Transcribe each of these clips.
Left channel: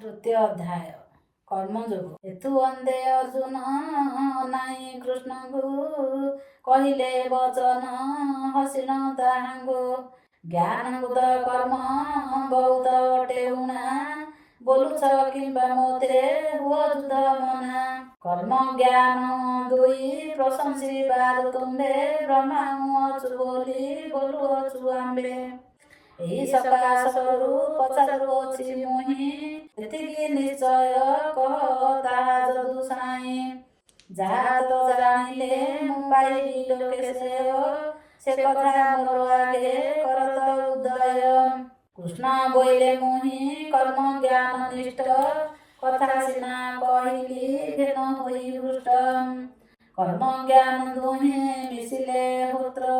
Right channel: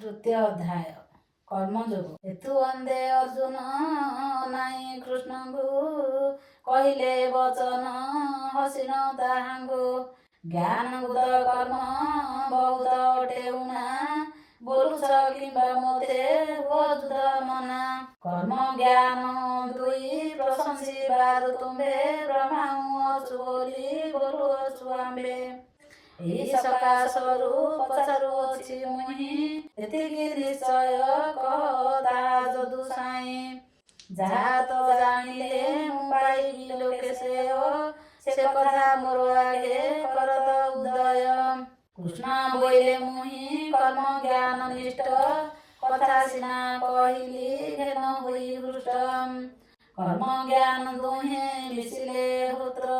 ତୃତୀୟ ଅଧ୍ୟାୟ କର୍ମଯୋଗ। ହେତୁ ବନ୍ଦେ ଅର୍ଜୁନ ନାଇଁ କୃଷ୍ଣଙ୍କୁ କହିଲେ ବଚନ ହସିନ ତାହାଙ୍କୁ। ଜ୍ଞାନ ବୁଧ କର୍ମ ବହୁତ ଅଟେ ଉଣା ବୋଲୁଛ କିମ୍ବା ମୋତେ ବୋଧ ମନା। କର୍ମ ଜ୍ଞାନ ଦୁଇ ପ୍ରଶଂସିବାରୁ ତୁମ୍ଭେ ବ୍ରହ୍ମାଙ୍କୁ ଅଛୁ ବୋଲି ବୋଲୁଅଛୁ ଆମ୍ଭେ। ଏହି ସକାଶରୁ ପଚାରୁଅଛି ମୁହିଁ ଏତିକି ନିଶ୍ଚୟ କହ ତାହା ଯଦୁ ସାଇଁ। ଯାହା ତ ଜାଣିଲେ ମୁଁ ପାଇବି ଲୋକେ ଶ୍ରେୟ ସେ କଥା ମୋର ଆଗେ କରତ ଉଦୟ। କୃଷ୍ଣ ବୋଇଲେ ମୁହିଁ କର୍ମ ଜ୍ଞାନ ନିଷ୍ଠ କଥା ସିନା କହିଲି ଘେନ ହୋଇ ହୃଷ୍ଟ। କର୍ମ ଜ୍ଞାନ ଦୁହେଁ ମିଶିଲେ ହୋତ୍ର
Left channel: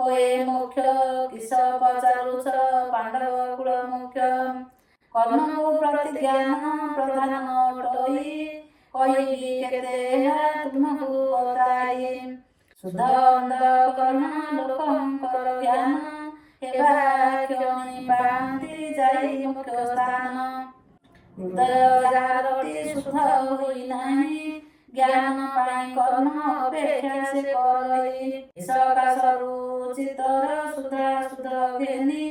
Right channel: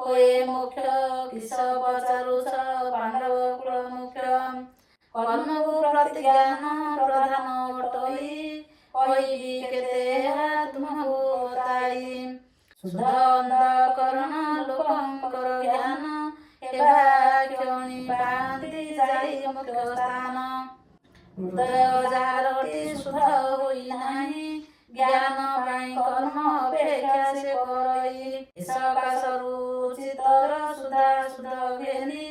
ହୋଏ ମୋକ୍ଷ କିସ ପଚାରୁଛ ପାଣ୍ଡବ କୁଳ ମୁଖ୍ୟ। କର୍ମକୁ ପ୍ରତିଜ୍ଞାନ ପ୍ରଧାନ ଘଟୋଇ କହିବି କେତେ ଏହା ତୁମକୁ ବତାଇ। ଶୁଦ୍ଧ ଅନ୍ତଃକରଣ ଲୋକଙ୍କର ଜ୍ଞାନ ହେବା କ୍ଷଣି ପାଆନ୍ତି ଯାଇ ମୁଖ୍ୟ ସ୍ଥାନ। ହୃଦୟ ଯାହାରଟି ଶୁଦ୍ଧ ହୋଇ ନାହିଁ ଜ୍ଞାନ ପାଇଁ କର୍ମ ଅପେକ୍ଷା ସେ କରଇ। ସକାଶରୁ ଚିତ୍ତର ସୁଧା ଶୁଦ୍ଧ ଘେନି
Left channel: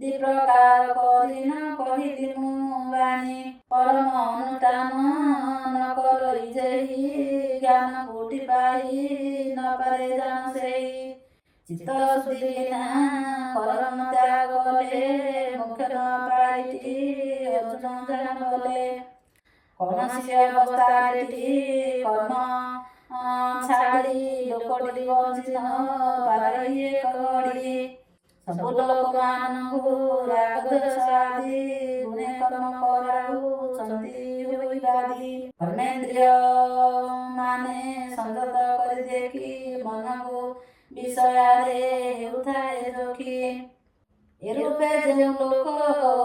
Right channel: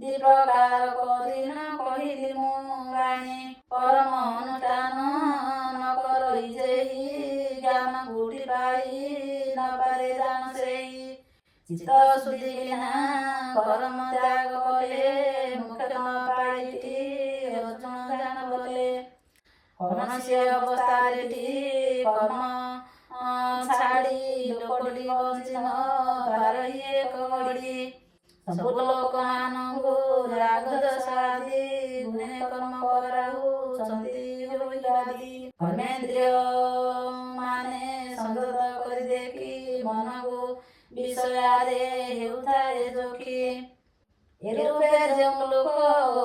ଦି ପ୍ରକାର କରିନ କହିଲି ମୁଁ ବାଣୀ। କର୍ମ ଅନୁଷ୍ଠାନ ନ କରଇ ଯେହି ଜ୍ଞାନ କୋଉଠି ପାଇ ନ ପାରେ ଜାଣ ସେହି। ଚିତ୍ତ ଶୁଦ୍ଧି ବିନା କର୍ମ ତ୍ୟାଗ କଲେ ମୁଖ୍ୟ ନ ପାଇଟି ଅର୍ଜୁନ ଜାଣ ବଲେ। କୌଣସି ଅବସ୍ଥାରେଟି କର୍ମ ଛାଡ଼ି ଲୋକଟି ବଞ୍ଚି ନ ପାରଇ ଏକ ଘଡ଼ି। ସବୁ ଲୋକମାନଙ୍କୁ ରାଗ ଦୋଷ ଆଦି ଗୁଣେ କର୍ମ କରାଉଛନ୍ତି ହୋଇ ବାଦି। କର୍ମେନ୍ଦ୍ରିୟ ମାନେ ସଂଯତ କରି ଦେଖି ମନକୁ ବିଷୟରେ ହେଉଥାଏ ସଖୀ। ଏ ରୂପେ ଯେଉଁ ଲୋକ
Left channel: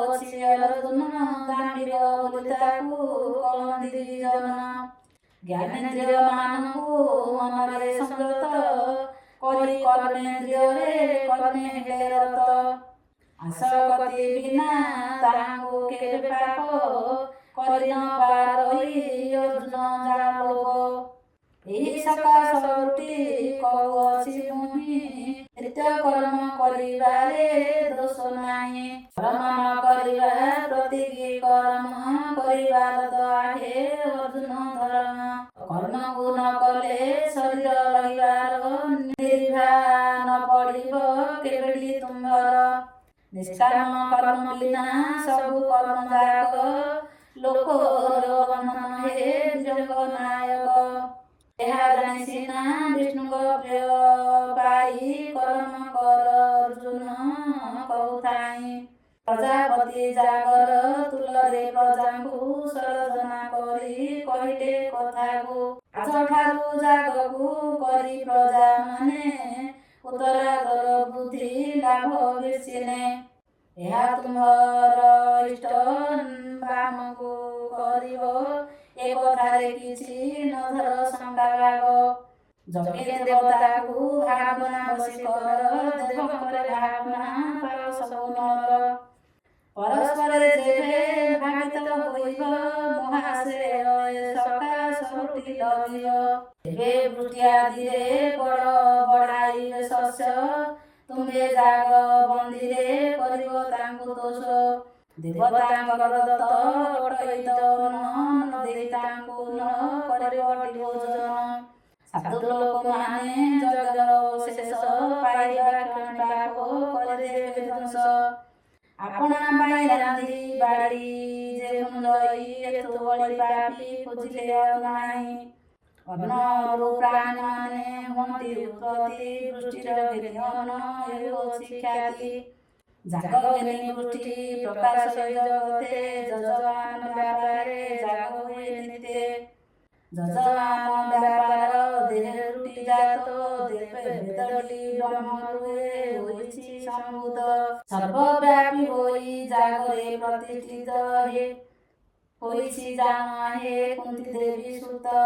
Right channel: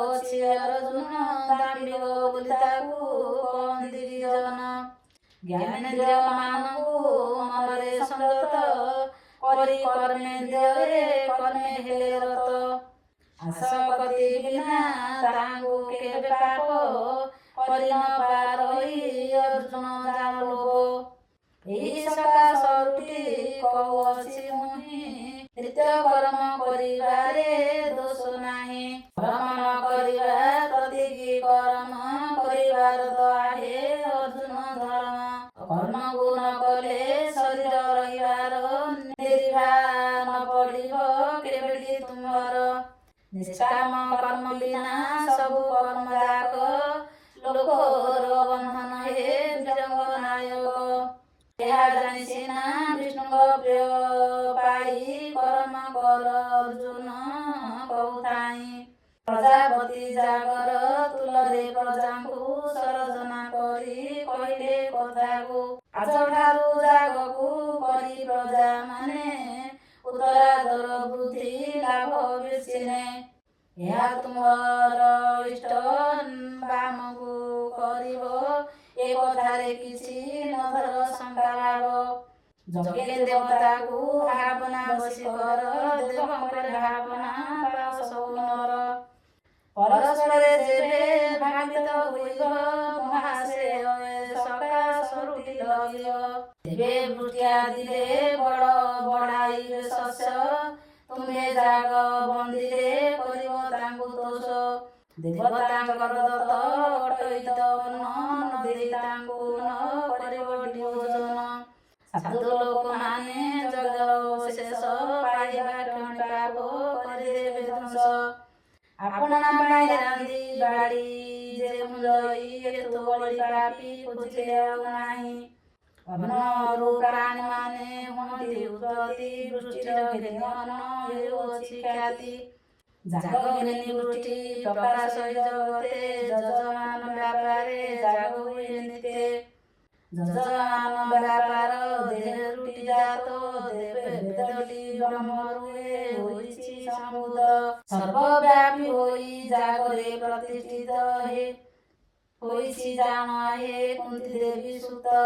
ଅଛି ଅର୍ଜୁନ ଦାମ୍ଭିକ ବୋଲି ତାକୁ କହନ୍ତି ଜନ। ଜ୍ଞାନେନ୍ଦ୍ରିୟ ମାନଙ୍କୁ ମନରେ ସଂଯତ କରି କର୍ମେନ୍ଦ୍ରିୟରେ କର୍ମେ ହେଲେ ରତ। ଆସକ୍ତି ବିନା ତାହାଙ୍କୁ କେବେ ପାପ କରି ନ ପାରଇ ଅର୍ଜୁନ ଜାଣ ଲୋକ। ଏହି ସକାଶରୁଟି କହୁଅଛି ମୁହିଁ ନିତ୍ୟ କର୍ମ କରିବାରେ ଦୋଷ ନାହିଁ। କର୍ମ ନ କରିବା ପ୍ରତିକି କର୍ମ କରିବାର ତ ଆହେ ଅର୍ଜୁନ ଧର୍ମ। କର୍ମକୁ ନ କଲେ ଶରୀର ରହିବାର ନିର୍ଭା ନ ପଡ଼ିବ କେବେଟି ତୁମ୍ଭର। ନିଷ୍କାମ କର୍ମ ବିନା ସବୁ କର୍ମ ଯାକ ଲୋକର ବନ୍ଧନ ହେ ବିଜଙ୍ଗ ନାୟକ। ଏହା ଜାଣି ସିନା ବିଷ୍ଣୁଙ୍କ ପ୍ରିୟ ପାଇ କର୍ମ କର ଅର୍ଜୁନ କହୁଥାଇଁ। ପ୍ରଜାପତି ଜାଗର ତୁଲରେ ପ୍ରଜାଙ୍କୁ ସରଜନା କରି କହିଲେ କଥାକୁ। ଆଜଠାରୁ ଜାଗକୁ କରି ପ୍ରଜା ମାନେ ଉତ୍ତରାଦର ବୃଦ୍ଧି ଲାଭ ବେଶିନେ। ଏହା ତୁମର ଇଷ୍ଟ ବାମକୁ କରିବ ଏ କଥାରେ କିଛି ନ ଧର ଶଙ୍କା ଭାବ। ଯଜ୍ଞେ ଦେବତାକୁ ଭାବନା ବସି କର ଦେବଙ୍କରେ ଭାବନା ପାଳ ସବୁ ନର। ପରସ୍ପରେ ଯେବେ ଭାବିତ ହୋଇବ ମହାଶ୍ରେୟ ଏ ସକାଶରୁଟି ଲଭିବ। ତେବେ ବୃଷ୍ଟି ଆଦିରେ ବଡ଼ ବଢ଼ାଇବେ ଶସ୍ୟ ତୁମ୍ଭେ ଜାଗ ବନ୍ଦିରେ କରିବ ତାଙ୍କୁ ଦୋଷ। ଦେବତାଙ୍କର ଦତ୍ତ ଅଟଇତ ନ ଦେଇ ତାଙ୍କୁ ନ କରିବଟି ଭୋଜନ। ସାଧୁ ଲୋକମାନେ ଯଜ୍ଞର ଶେଷ ପାଇବା କ୍ଷଣି ପାପ କରିଦେବେ ଧ୍ୱଂସ। ଆପଣା ପାଇଁ ରାନ୍ଧି ବାଢ଼ି ଯେଉଁ ଜଇ ଏତୁ ବଳି ପାପି ଖୋଜିଲେ ଆଉ ନାହିଁ। ଅନ୍ନରୁ ପ୍ରାଣୀମାନେ ହୁଅନ୍ତି ଉତ୍ପତ୍ତି ବୃଷ୍ଟିର ଘେନି ଅନ୍ନ ହେଉଅଛି ଖ୍ୟାତି। ଜାଗ ଘେନି ବୃଷ୍ଟି ପ୍ରକାଶ ଜଗତେ ଯଜମାନ ବ୍ୟାପାରେ ଜାଗ ହୁଏ ନିତେ। ଯଜମାନ ବ୍ୟାପାର ଦେହେ ରୁଟି ଜାତ ବେଦଟି ବ୍ରହ୍ମରୁ ହୋଇଛି ସମ୍ଭୂତ। ସର୍ବବ୍ୟାପୀ ହୋଇ ଜାଗରେ ପ୍ରତିଷ୍ଠିତ ହେ ହୋଇଛି ଜାଣ ହେ କୁନ୍ତି ଦେବୀ ସୁତ।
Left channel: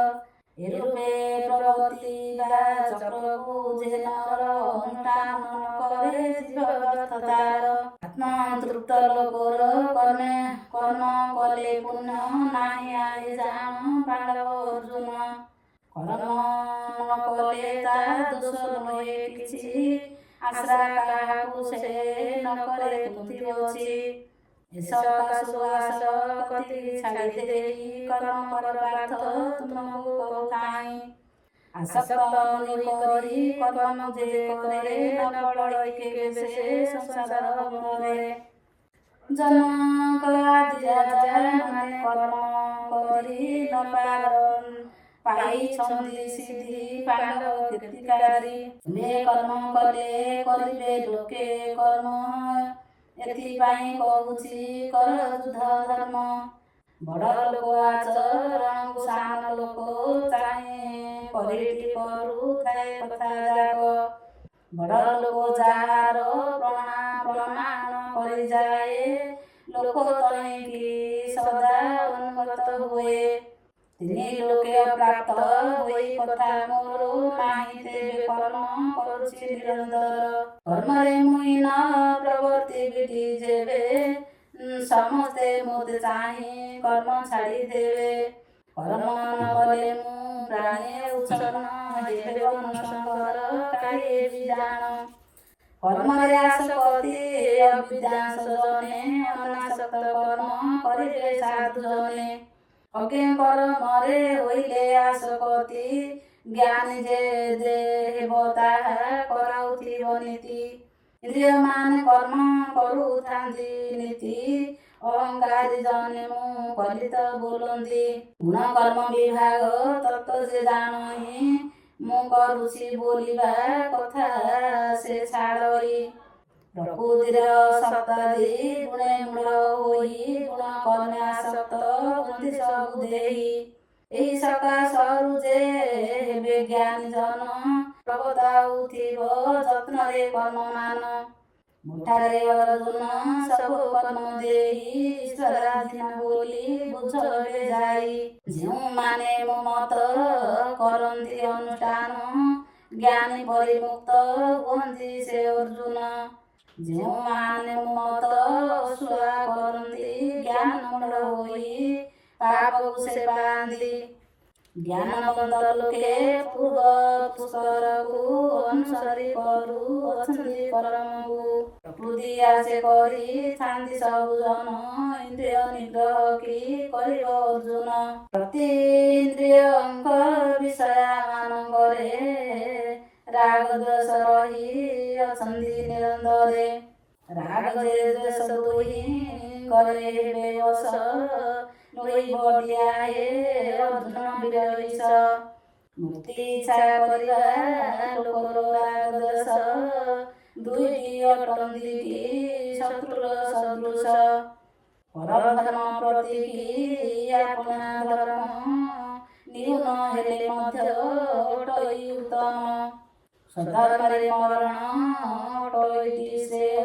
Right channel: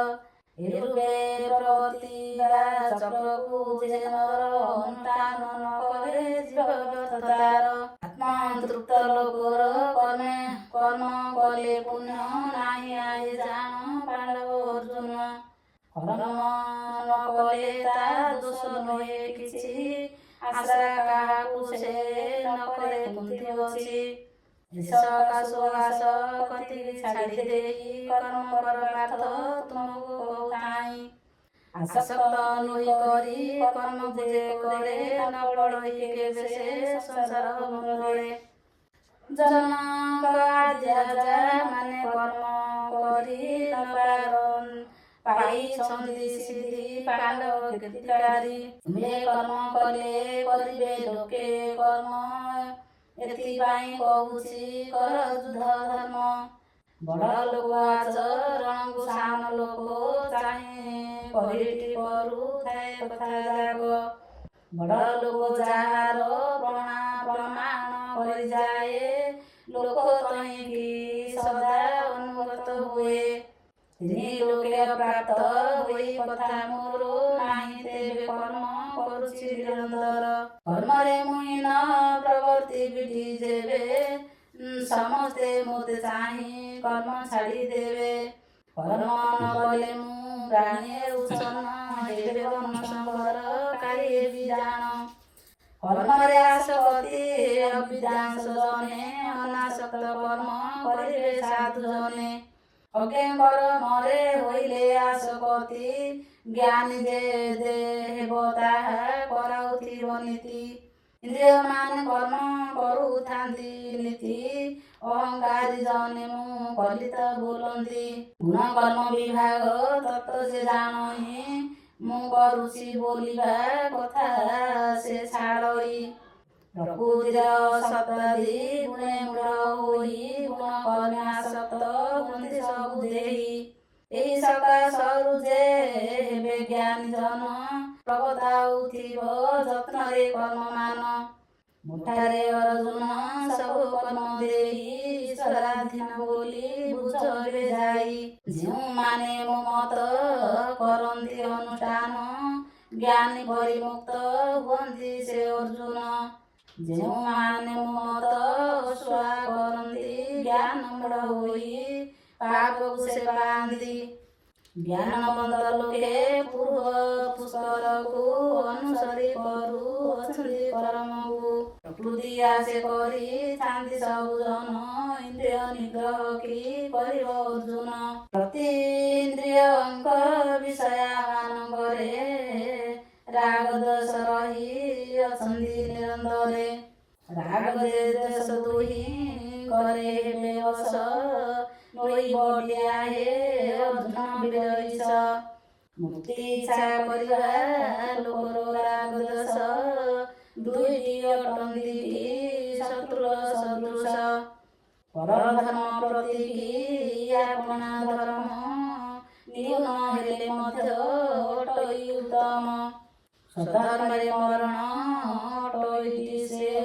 ଏ ରୂପେ ପ୍ରବର୍ତ୍ତିବା ଚକ୍ରକୁ ଯେ ନର ଅନୁଷ୍ଠାନ ନ କରେ ଯିବ ବ୍ୟର୍ଥ ତାର। ଆତ୍ମତୃପ୍ତ ଲୋକର କର୍ମ କଲେ ପୁଣ୍ୟ ନାହିଁ ଆଏ ଜାଣ ପାଣ୍ଡବ ଅର୍ଜୁନ। କର୍ମ ନ କଲେ ତା ଦୋଷ ନୁହେଁ କିଛି, ଆଶା କାହାକୁ ସେ ନ କରେ କୁନ୍ଥି ଅଛି। ସକା ସୁଆସ କତିକି ଛାଡ଼ି ଦେଇ କର୍ମ କର ପାର୍ଥ ତୁମକୁ କହୁଥାଇଁ। ଆସକ୍ତ ନୁହି କରି କର୍ମ ଯେ କରେ ନ ପଡ଼ଇ କେବେ ସେ ସଂସାର ବନ୍ଧରେ। ଜନକ ଆଦି ରାଜା ମାନେ କର୍ମ କରି ନ ପାଇଛନ୍ତି ସିଦ୍ଧି ପାଣ୍ଡବ କୀର୍ତ୍ତିକାରୀ। ତୁମେ କର୍ମ କଲେ କରିବେ ଲୋକେ କର୍ମ, ଏଥିପାଇଁ କହୁଛି କର ଯୁଦ୍ଧ ଧର୍ମ। ବଡ଼ ଲୋକ ଆଚରଣକୁ ସାନ ଲୋକ ଚାହେଁ, କରିଟି କରୁଥାଏ କଥା ଯାକ। ବଡ଼ ଲୋକ ଯାହାର ପ୍ରମାଣ କରିଯାଏ, ଲୋକ ତହିଁକି ସଦା ଅନୁଗତ ହୁଏ। ତିନି ଲୋକେ ପ୍ରାପ୍ତ ହୋଇ କଥା ମୋର ନାହିଁ, ତେବେ କର୍ମ କରୁଛି ନିରନ୍ତର। କର୍ମରେ ମୁଇଁ ନ ପ୍ରବର୍ତ୍ତିବି ଯେବେ, ସମସ୍ତେ ମୋତେ ଚାହିଁ କର୍ମ ଛାଡ଼ି ଦେବେ। କର୍ମ ନ କଲେ ମୁଁ ପ୍ରାଣୀ ଉଚ୍ଛନ୍ନ, ହେବେ ବନଶଙ୍କର କାଳିଏ ବି ଜାଣ। କର୍ମରେ ଆସକ୍ତି ଅବିଦ୍ୱାଂସ ଜନେ, ଅନାସକ୍ତ କର୍ମ କରିବେ ସାଧୁ ଜନେ। ଅଜ୍ଞ କର୍ମରେ ହୋଇଲେ ଆସକ୍ତି, ଜ୍ଞାନୀ ଯେ ହେବ ତାହା କରାଉଥିବ ନୀତି। ଇନ୍ଦ୍ରିୟମାନେ କର୍ମ କରୁଥାନ୍ତି ନୀତି, ଅହଙ୍କାରୀ ଜନେ ମୁଁ କଲି ତ ବୋଲନ୍ତି। ଗୁଣ କର୍ମ ବିଭାଗ ତତ୍ତ୍ୱ ଯେ ଜାଣଇ, ମୁଁ କରୁଛି ବୋଲିବା କଥା ସେ ଛାଡ଼ଇ। ପ୍ରକୃତିର ଶତାଦି ଗୁଣେ ମୂଢ଼ ହୋଇ, ଗୁଣ କର୍ମେ ଆସକ୍ତ ହୁଅନ୍ତି ସବୁ ଦେହି। ଏହି ସକାଶରୁ ଯେ ହେବେ ଜ୍ଞାନୀ ଜନ, ପ୍ରବର୍ତ୍ତାଉଥିବ ଯତ୍ନରେ କର୍ମମାନ। ମୁଠାରେ ଅର୍ଜୁନ ସବୁ କର୍ମ ଦେଇ, ଈଶ୍ୱରାଧୀନ ବୋଲି ବୁଝ ଏବେ ଯାଇ। ଯେଉଁମାନେ ମୋ ମତ କରନ୍ତି ଅନୁଷ୍ଠାନ, ଜ୍ଞାନୀ ପରିମୁକ୍ତ ହୁଅନ୍ତି ସେ ଅର୍ଜୁନ। ଯେଉଁମାନେ ମୋ ମତ ଅଶ୍ଳା କରନ୍ତି, ଜ୍ଞାନ ମୂଢ଼ ହୋଇ ପାପକୁ ସେ ପାଆନ୍ତି। ଜ୍ଞାନବନ୍ତ ଲୋକେ ପୂର୍ବ ପୁଷ୍କରକୁ ଅନୁସରି କରୁଅଛନ୍ତି କର୍ମକୁ। ପ୍ରକୃତି ଆଶେ କରିଥାନ୍ତି ସବୁ ଜନ, ଇନ୍ଦ୍ରିୟ ନିଗ୍ରହ କି କରିବ ଅର୍ଜୁନ। ପ୍ରତି ଇନ୍ଦ୍ରିୟଙ୍କ ବିଷୟମାନଙ୍କରେ ରାଗ ଦ୍ୱେଷ ରହି ଅଛନ୍ତି ନିରନ୍ତରେ। ରାଗ ଯେ ଦ୍ୱେଷ ଦୁହିଁ କରେ ହେବେ ବଶ, ନୋଇ ବଳିଆ ହେ ଅର୍ଜୁନ ବୀରଈଶ। ମୁକ୍ତି ଇଚ୍ଛା କରିବା ଲୋକର ରାଗ ଦ୍ୱେଷ, ଦୁଇଟି ଅଟନ୍ତି କି ଶତ୍ରୁର ସଦୃଶ। ପର ଧର୍ମ ପ୍ରତି କି ଆପଣା ଧର୍ମ, ନିହୁନ ହେଲେ ମଧ୍ୟ ଅଟଇ ଉତ୍ତମ। ସ୍ୱଧର୍ମରେ ମରଣ ଅଟଇଟି ଶ୍ରେୟ,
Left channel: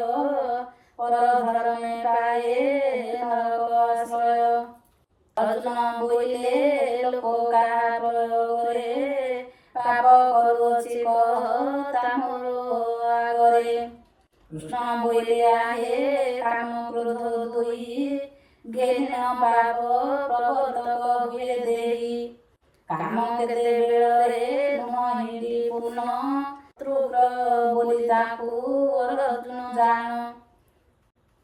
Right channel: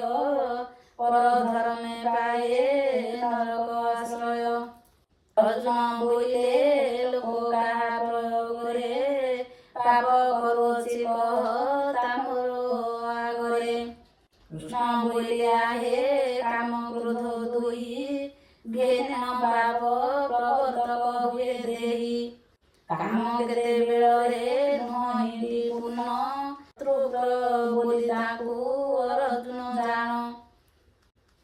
ପର ଧର୍ମେ ପାଏ ନରକ ଆଶ୍ରୟ। ଅର୍ଜୁନ ବୋଇଲେ ଲୋକ କାହା ପ୍ରୟୋଗରେ, ପାପ କରୁଅଛି କହ ତା ମୋର ଆଗରେ। କୃଷ୍ଣ ବୋଇଲେ ଆହେ କାମ କ୍ରୋଧ ଦୁଇ, ଘେନ ପାପ ପ୍ରବର୍ତ୍ତକ ହୁଏ ଦେହି। କାମ କେତେବେଳରେ ନୁହଁନ୍ତି ପୂର୍ଣ୍ଣ, ତ୍ରୁବ୍ର ବୋଲି ତାକୁ ଅର୍ଜୁନ ଜାଣ।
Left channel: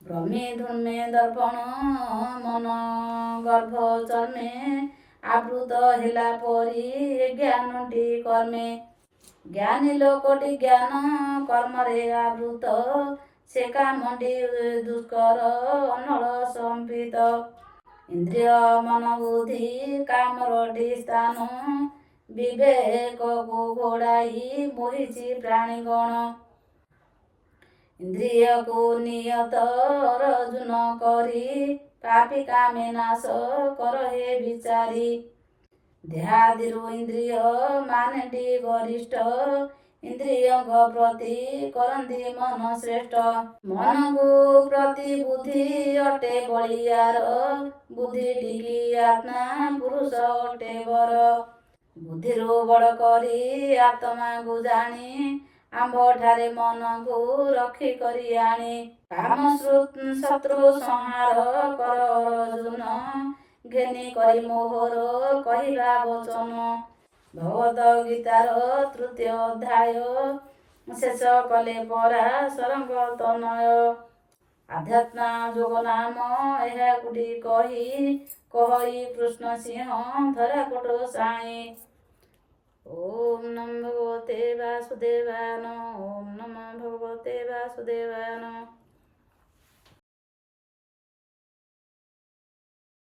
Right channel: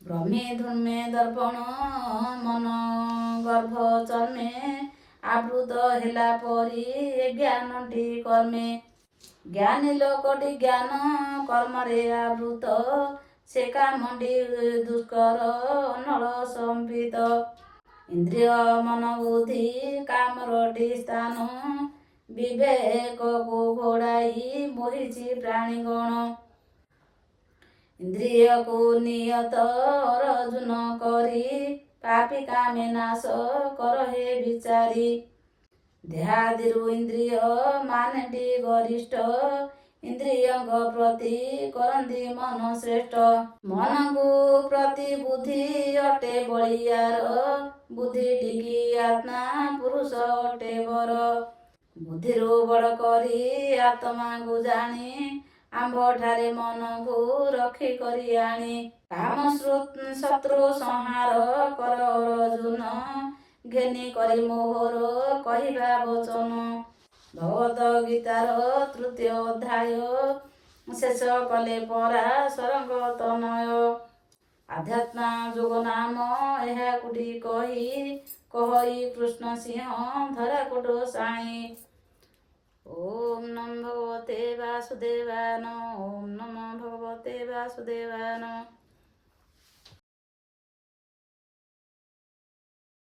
ଭ୍ରମେ ଧୂମେ ଦର୍ପଣ ମନ ଗର୍ଭ ଚର୍ମେ, ଆବୃତ ହେଲା ପରି ଜ୍ଞାନଟି କର୍ମେ। ଜ୍ଞାନୀ ଲୋକଟି ଜ୍ଞାନ କର୍ମରେ ଆବୃତ, ସେ କାମଟି ଦୁଷ୍କର ଅନଳ ସମ୍ପିତ। ଇନ୍ଦ୍ରିୟ ମନ ବୁଦ୍ଧି କାମରଟି ସ୍ଥାନ, ବିବେକକୁ ଘୋଡ଼ାଇ ବହିଛି ପ୍ରାଣୀଗଣ। ଇନ୍ଦ୍ରିୟକୁ ନିୟତ ଅର୍ଜୁନ କରି, ପାପୀ କାମେ ନାଶ କର ହେ ବିଚାରି। ଦେହାଦିରୁ ଇନ୍ଦ୍ରିୟ ମାନେଟି ଗରିଷ୍ଠ, ଇନ୍ଦ୍ରିୟଙ୍କ ପ୍ରତି କରନ୍ତି ମନ ଶ୍ରେଷ୍ଠ। ମନକୁ ପ୍ରତି ବୁଦ୍ଧି ଅଟେ ବଳିୟାର, ବୁଦ୍ଧିଟିକି ଆତ୍ମା ପୁରୁଷ ଅଟେ ବର। ବୁଦ୍ଧିରୁ ବଡ଼ କରି ଆତ୍ମାକୁ ଜାଣି, ଆମ୍ଭଠାରେ ମନକୁ ରଖି କରି ଆଣି। କାମ ଶତ୍ରୁ ସଂହାର କର ଅର୍ଜୁନ, ଘେନି କରି ମୋହର କହିବା ବଚନ। ଭଗବତ ଗୀତାର ତୃତୀୟ ଅଧ୍ୟାୟ ଶେଷ କଲେ ପରା ସରଙ୍ଗ ତନୟ। ଆଧ୍ୟାତ୍ମା ଯୋଗ ନାମ ଏହାକୁଟି କହି କୃଷ୍ଣ ସିଂହ ଧରା କୋଟ ସାଇ। ଓମ୍ ନମୋ ଭଗବତେ ବାସୁଦେବାୟ ନମଃ। ଓମ୍ ନମୋ ଭଗବତେ ବାସୁଦେବାୟ ନମଃ।